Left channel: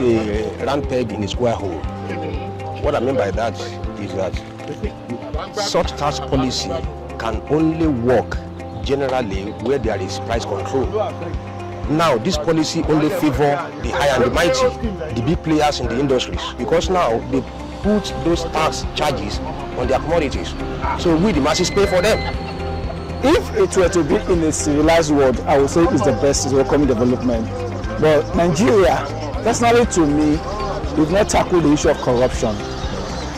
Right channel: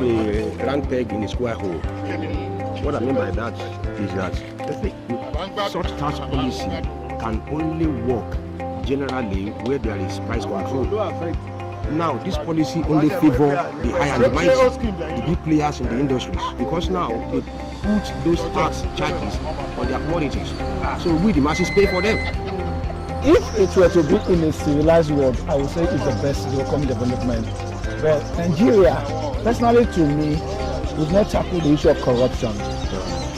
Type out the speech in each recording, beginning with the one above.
puts a round peg in a square hole. What I mean by that is that such tax policy can only work generally where there is price control. Now, this policy only favor the high and the mighty, the big players in the industries, because now they put those tax charges on their commodities. So we, the masses, pay for them. If it were to be in a civilized world, I would say it's the best welcome development. But Nigeria, personally to me, we've not tackled the issue of corruption.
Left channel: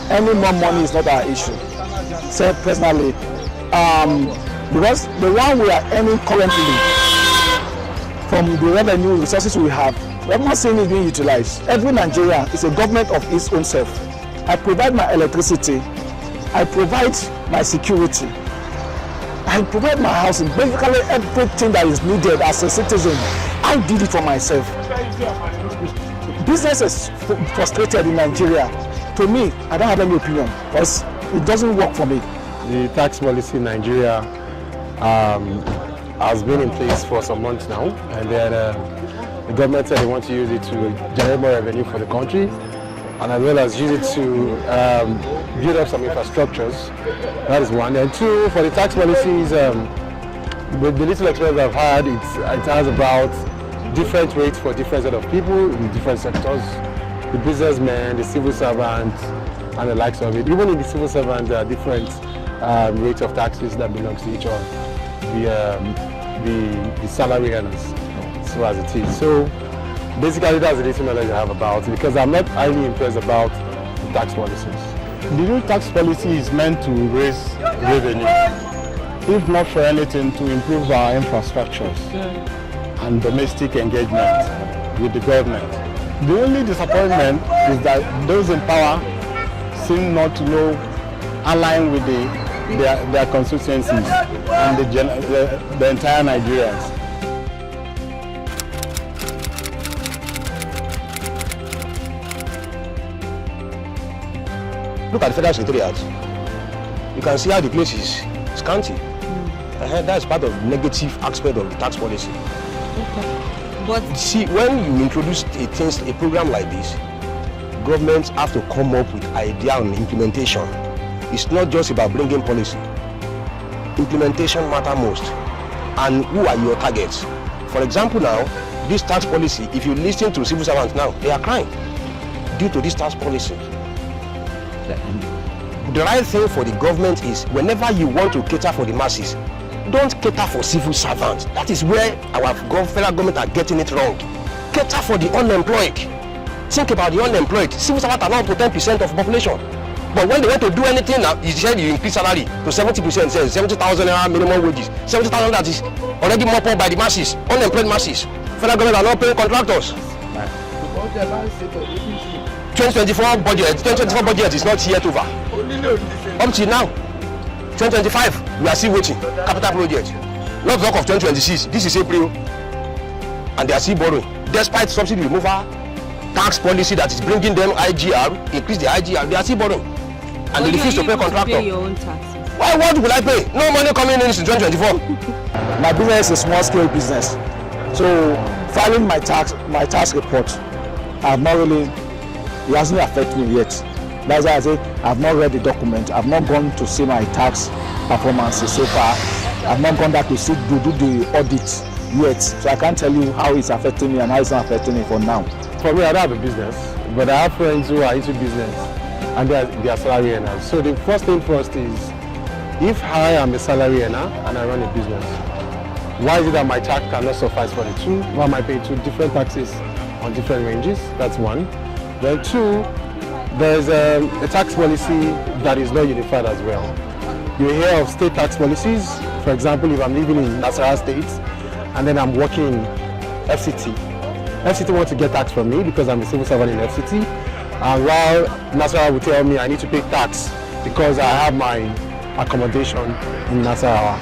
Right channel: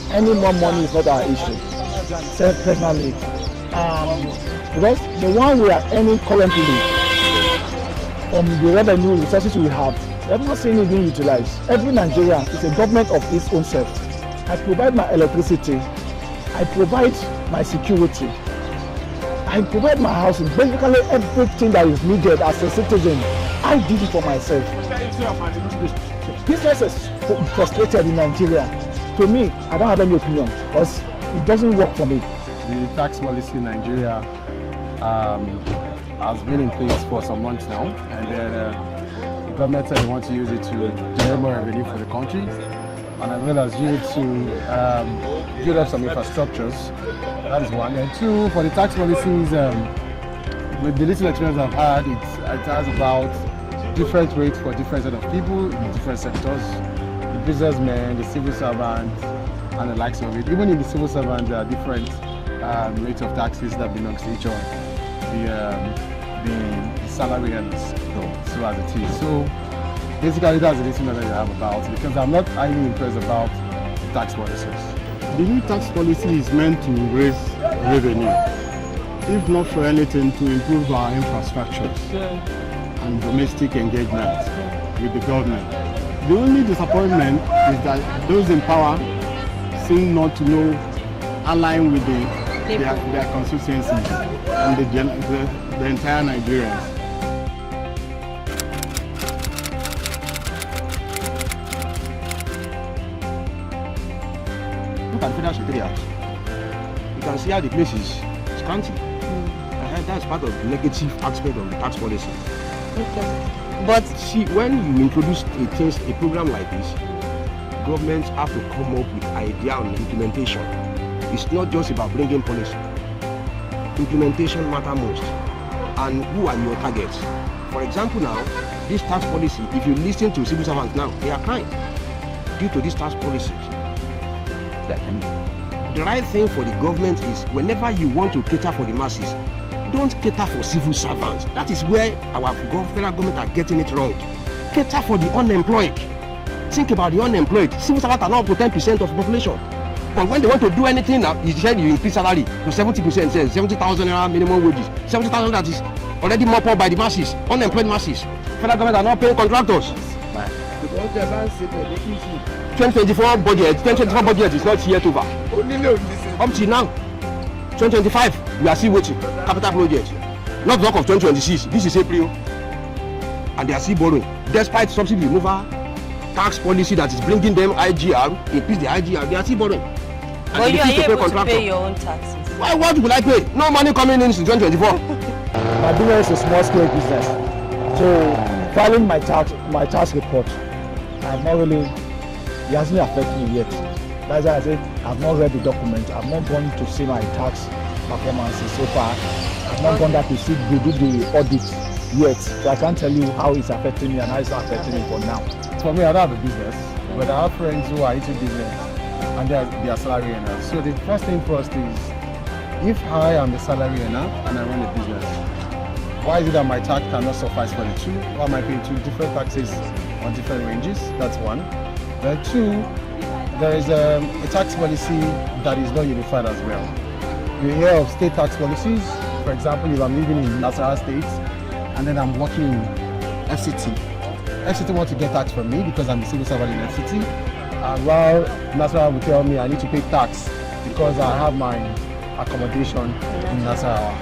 Any more money is not our issue. So personally, because the one we are earning currently from the revenue resources we have not seeing it being utilized. Every Nigerian is a government of its own self. I provide my electricity, I provide my security, I provide my housing, basically everything that is needed as a citizen. I did it for myself. Business is frustrated in Nigeria. To me, I don't have any opinion because it doesn't work for me. The tax policy in Nigeria has been in place for some months now, and then the government said they want to use it to generate more revenue for the country, and as well as use it to build up some infrastructures. That is one. And two, for the tax policies, with the little experience I've had, it has about different rates for different set of people in different sectors. The businessmen, the civil servants, and the likes of it. Even in the civil servants, there are different rates of taxes that belong to each other. The salary earners, so as it is. So basically, that's the little knowledge I have about it, because I'm not highly impressed about the tax policies. The new tax policy is meant to raise revenue, if not for anything, to improve our infrastructures and domestic engagement with the government. The only disappointment is that those in power seem not to know align with their constituencies and the entire Nigerians. Look at the federal secretariat. You can see how the place is scanty. That's part of the negative aspect of the tax policy. Okay. But see, when you introduce a program like this, governments have to come up with idea on implementation. It's not just about bringing policy. Implementation matters most. And who are your targets? For example now, this tax policy, if you listen to civil servants now, they are crying due to this tax policy. The right thing for the government is, whenever you want to cater for the masses, don't cater for civil servants. That is where our federal government are getting it wrong. Cater for the unemployed. Think about the unemployed. Civil servants are now up to 10% of the population. But when they want to do anything, you said you increase salary to 70%, 70,000 minimum wages. 70,000 that is already mopped up by the masses, unemployed masses. Federal government are not paying contractors. 2024 budget is not yet over. Up to now, 2025, we are still waiting. Capital project. Not talk of 2026. This is April, and they are still borrowing. Despite subsidy removal, tax policy that is bringing them IGR, increase the IGR, they are still borrowing. And they refuse to pay contractor. Pay your own taxes. Why? What will I pay? No money coming in 2024. My business is a small-scale business, so filing my tax report, it hasn't affected me yet. That's why I say I've not read the document. I've not gone to see my tax performances so far. I've not gone back to see do the audit yet, so I can't tell you how it's affecting me and how it's not affecting me for now. For me, I don't have a business, but I have friends who are into business and they are salary earners. So the first thing first is, if I am a salary earner and I run a business, why is it that my tax cannot suffice for the two? Why am I paying two different taxes on different ranges? That's one. Then two, there's a tax policy that is not unified as well. You hear of state tax policies. For example, if I'm living in Nasarawa State and then I'm working in FCT, FCT wants to get tax from me because I'm a civil servant in FCT, and while Nasarawa will tell me I need to pay tax because I have my accommodation in Nasarawa.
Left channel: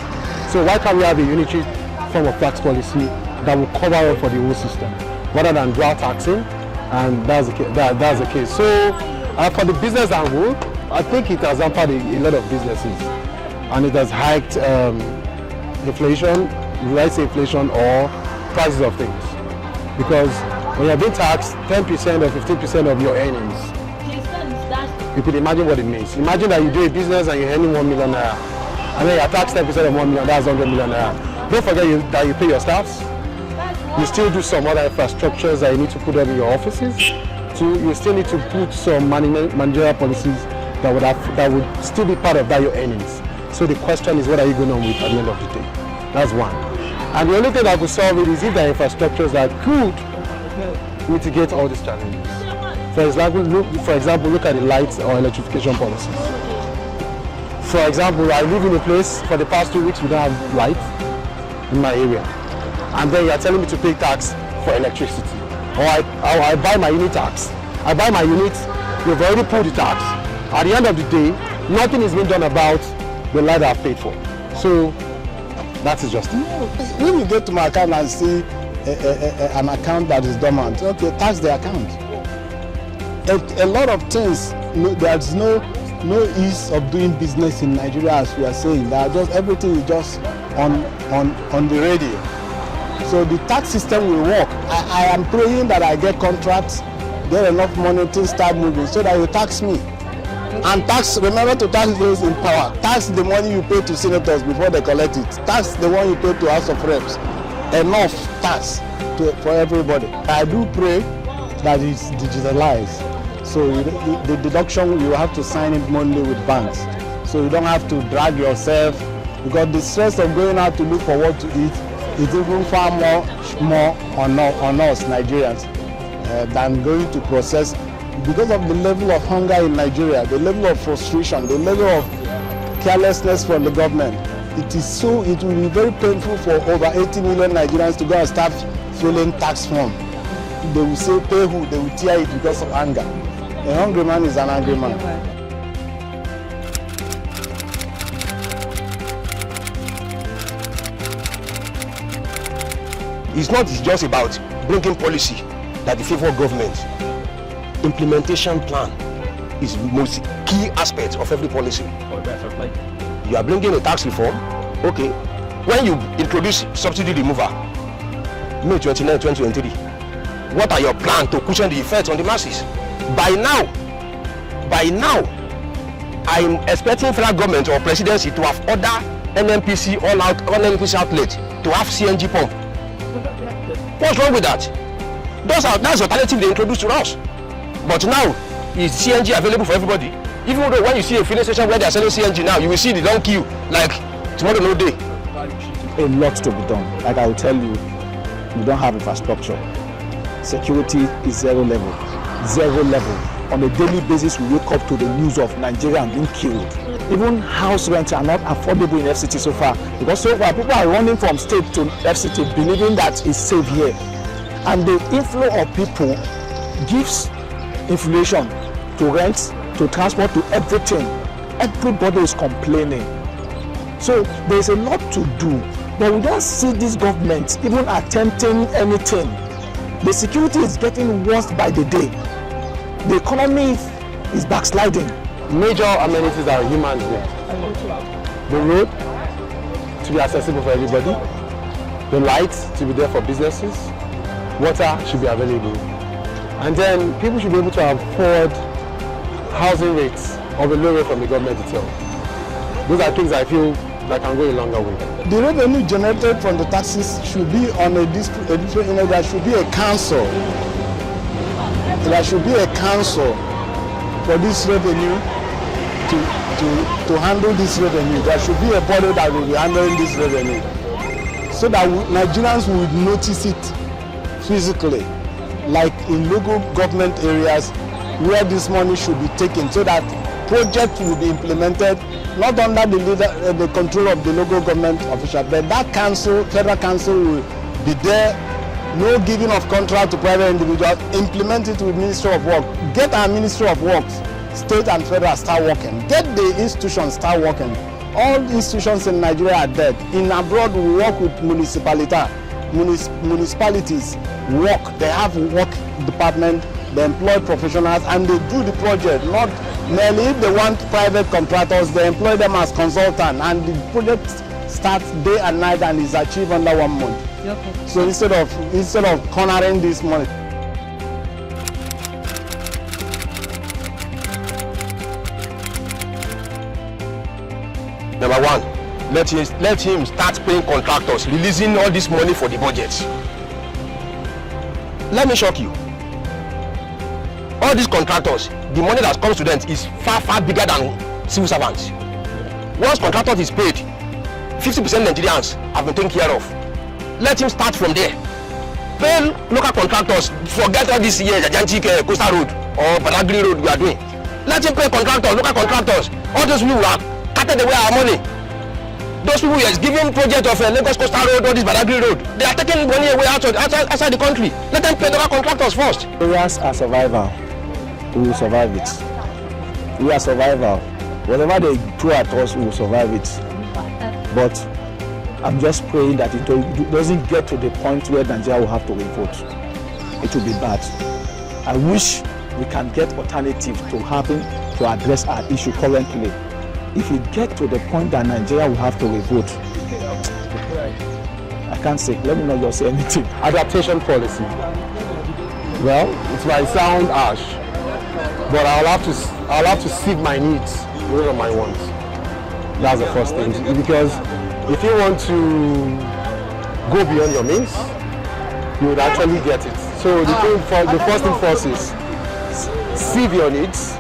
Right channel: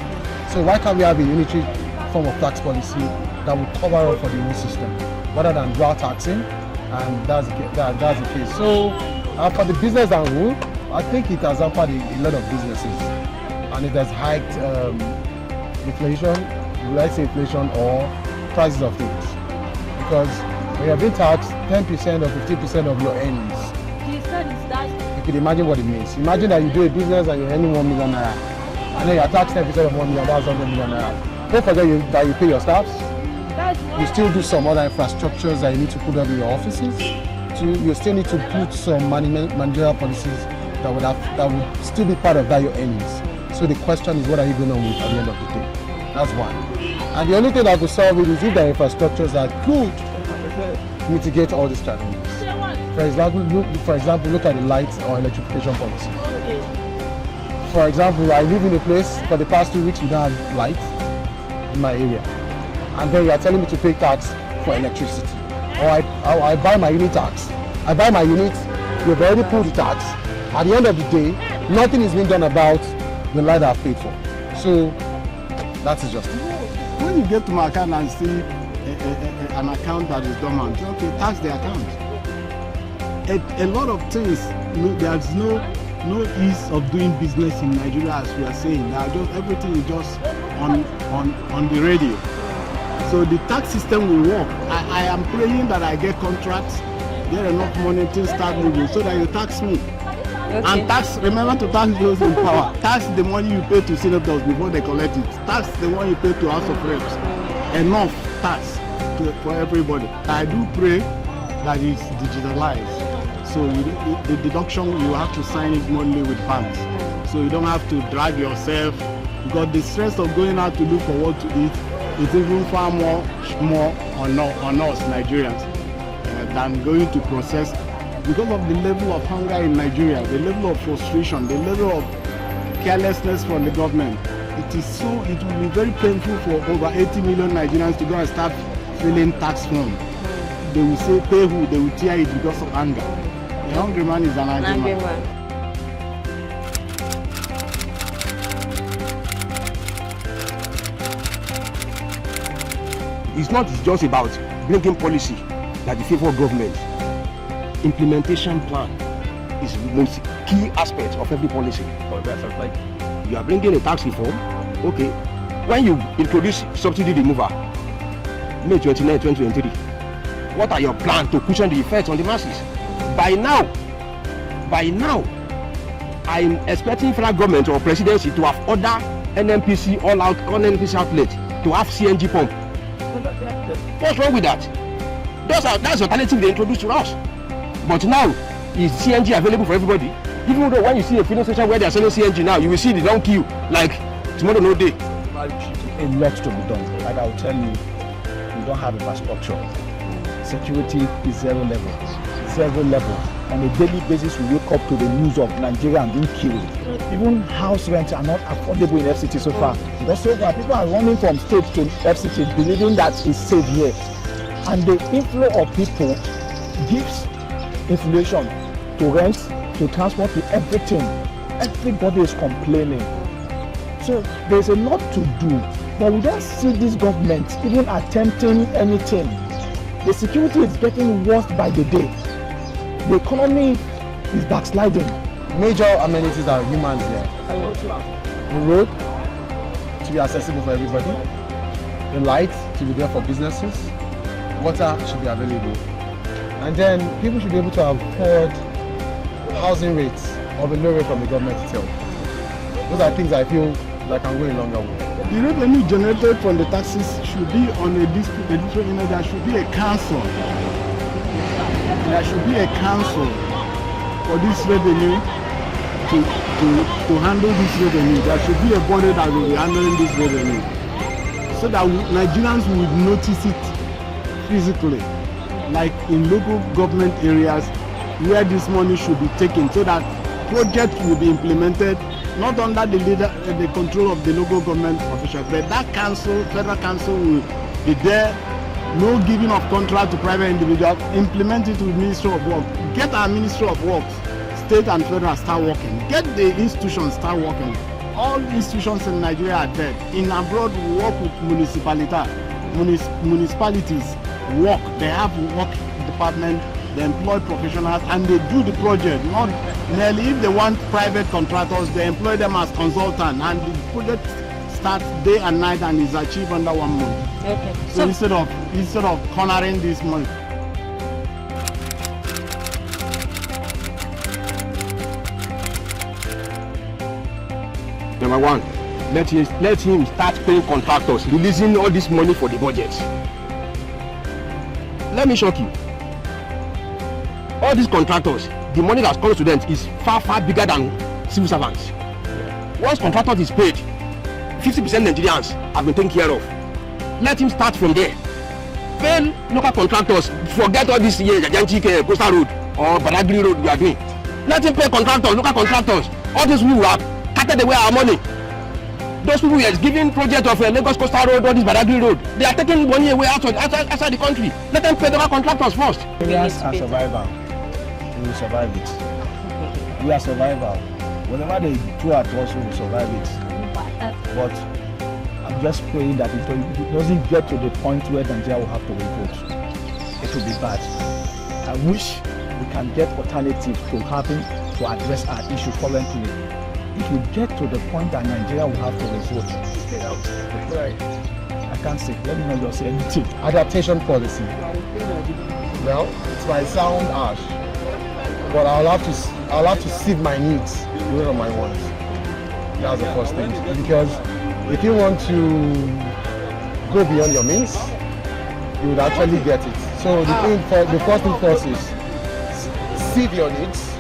So why can't we have a unitary form of tax policy that will cover up for the whole system rather than dual taxing? And that's the case. So for the business angle, I think it has hampered a lot of businesses, and it has hiked inflation, let's say inflation or prices of things, because when you're being taxed 10% or 15% of your earnings, you could imagine what it means. Imagine that you do a business and you're earning 1 million naira, and then you're taxed 10% of 1 million, that's 100 million naira. Don't forget that you pay your staffs. You still do some other infrastructures that you need to put up in your offices. So you still need to put some managerial policies that would still be part of that your earnings. So the question is, what are you going on with at the end of the day? That's one. And the only thing that could solve it is if there are infrastructures that could mitigate all these challenges. For example, look at the lights or electrification policies. For example, I live in a place, for the past 2 weeks we don't have lights in my area. And then you are telling me to pay tax for electricity. Or I buy my unit tax. I buy my unit, you've already pulled the tax. At the end of the day, nothing is being done about the light I've paid for. So that is just it. When you get to my account and see an account that is dormant, okay, tax the account. A lot of things, there's no ease of doing business in Nigeria, as we are saying. Everything is just on the radio. So the tax system will work. I am praying that I get contracts, get enough money to start moving so that you tax me. And remember to tax those in power. Tax the money you pay to senators before they collect it. Tax the one you pay to House of Reps. Enough tax for everybody. I do pray that it's digitalized. So the deduction, you have to sign it monthly with banks. So you don't have to drag yourself, because the stress of going out to look for what to eat is even far more on us Nigerians than going to process. Because of the level of hunger in Nigeria, the level of frustration, the level of carelessness from the government, it will be very painful for over 80 million Nigerians to go and start filling tax form. They will say pay who, they will tear it because of anger. A hungry man is an angry man. It's not just about bringing policy that the favor government. Implementation plan is the most key aspect of every policy. You are bringing a tax reform, okay. When you introduce subsidy removal, May 29, 2023, what are your plans to cushion the effect on the masses? By now, I'm expecting federal government or presidency to have ordered NNPC all NNPC outlet to have CNG pump. What's wrong with that? That's the alternative they introduced to us. But now, is CNG available for everybody? Even though when you see a filling station where they are selling CNG now, you will see the long queue like tomorrow no day. A lot to be done. Like I will tell you, we don't have infrastructure. Security is zero level. Zero level. On a daily basis, we wake up to the news of Nigerians being killed. Even house rents are not affordable in FCT so far. Because so far, people are running from state to FCT believing that it's safe here. And the inflow of people gives inflation to rent, to transport, to everything. Everybody is complaining. So there's a lot to do, but we don't see this government even attempting anything. The security is getting worse by the day. The economy is backsliding. Major amenities are humans here. The road to be accessible for everybody. The lights to be there for businesses. Water should be available. And then people should be able to afford housing rates of a low rate from the government itself. Those are things I feel like can go a longer way. The revenue generated from the taxes should be on a different, there should be a council. There should be a council for this revenue to handle this revenue. There should be a body that will be handling this revenue, so that Nigerians would notice it physically, like in local government areas where this money should be taken, so that projects will be implemented not under the control of the local government official, but that council, federal council, will be there. No giving of contract to private individuals. Implement it with Ministry of Work. Get our Ministry of Works, state and federal, start working. Get the institutions start working. All institutions in Nigeria are dead. In abroad, we work with municipalities. Work. They have a work department. They employ professionals and they do the project. Not merely if they want private contractors, they employ them as consultants, and the project starts day and night and is achieved under 1 month. Okay. So instead of cornering this money. let him start paying contractors, releasing all this money for the budgets. Let me shock you. All these contractors, the money that comes to them is far, far bigger than civil servants. Once contractor is paid, 50% Nigerians have been taken care of. Let him start from there. Pay local contractors, forget all this here, Jajanchike, Coastal Road or Badagry Road we are doing. Let him pay contractors, local contractors. All those people who have cutted away our money. Those people who are giving project of Lagos Coastal Road or this Badagry Road, they are taking money away outside the country. Let them pay local contractors first. Areas are survival. We will survive it. We are survival. Whatever they throw at us, we will survive it. But I'm just praying that it doesn't get to the point where Nigeria will have to revolt. It will be bad. I wish we can get alternatives to happen to address our issue currently. If we get to the point that Nigeria will have to revolt, I can't say, let me not just say anything. Adaptation policy. Well, it might sound harsh, but I'll have to seek my needs rather than my wants. That's the first thing. Because if you want to go beyond your means, you would actually get it. So the first thing first is sieve your needs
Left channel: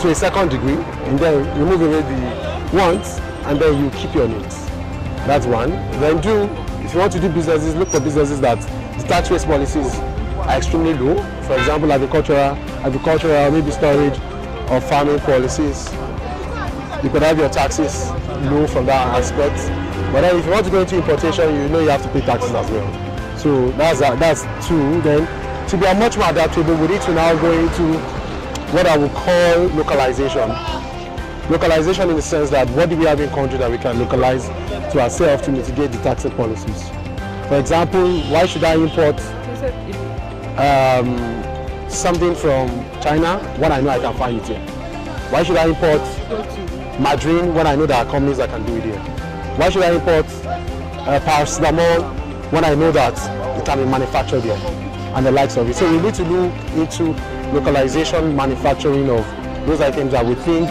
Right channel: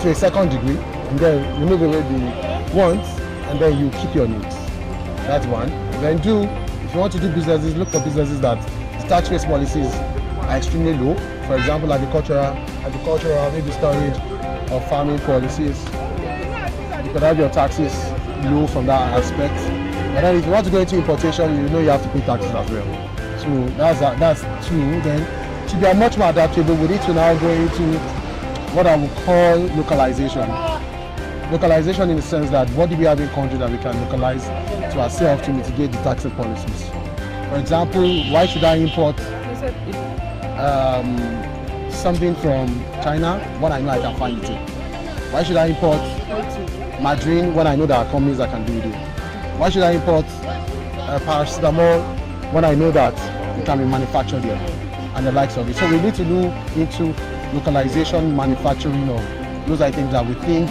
to a second degree, and then remove away the wants, and then you keep your needs. That's one. Then if you want to do businesses, look for businesses that the tax rate policies are extremely low. For example, agricultural, maybe storage or farming policies. You could have your taxes low from that aspect. But then if you want to go into importation, you know you have to pay taxes as well. So that's two. Then to be much more adaptable, we need to now go into what I would call localization. Localization in the sense that what do we have in country that we can localize to ourselves to mitigate the tax policies. For example, why should I import something from China when I know I can find it here? Why should I import margarine when I know there are companies that can do it here? Why should I import paracetamol when I know that it can be manufactured here and the likes of it? So we need to look into localization, manufacturing of those items that we think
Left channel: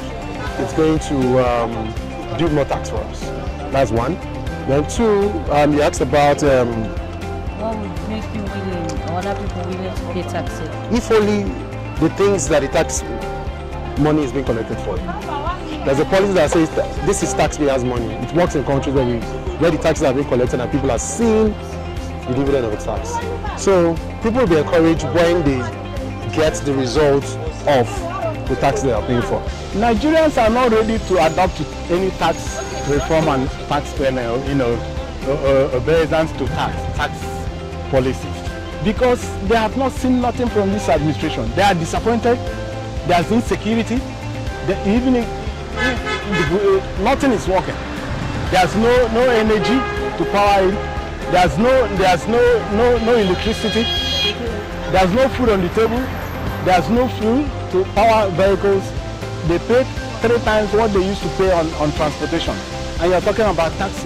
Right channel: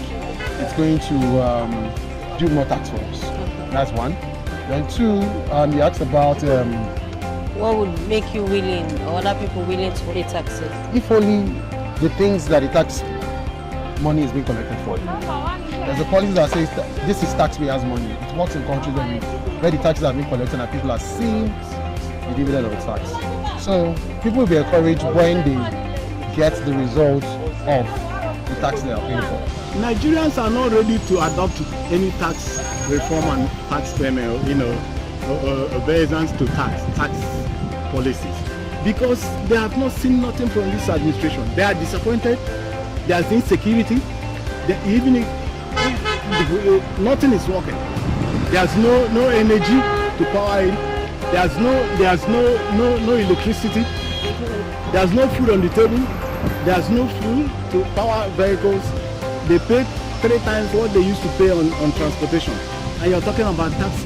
it's going to do more tax for us. That's one. Then two, you asked about what would make you willing or other people willing to pay taxes? If only the things that the tax money is being collected for. There's a policy that says this is taxpayers' money. It works in countries where the taxes are being collected and people are seeing the dividend of the tax. So people will be encouraged when they get the results of the tax they are paying for. Nigerians are not ready to adopt any tax reform and tax payment, obedience to tax policies, because they have not seen nothing from this administration. They are disappointed. There's insecurity. Nothing is working. There's no energy to power it. There's no electricity. There's no food on the table. There's no fuel to power vehicles. They pay 3 times what they used to pay on transportation. And you're talking about taxes.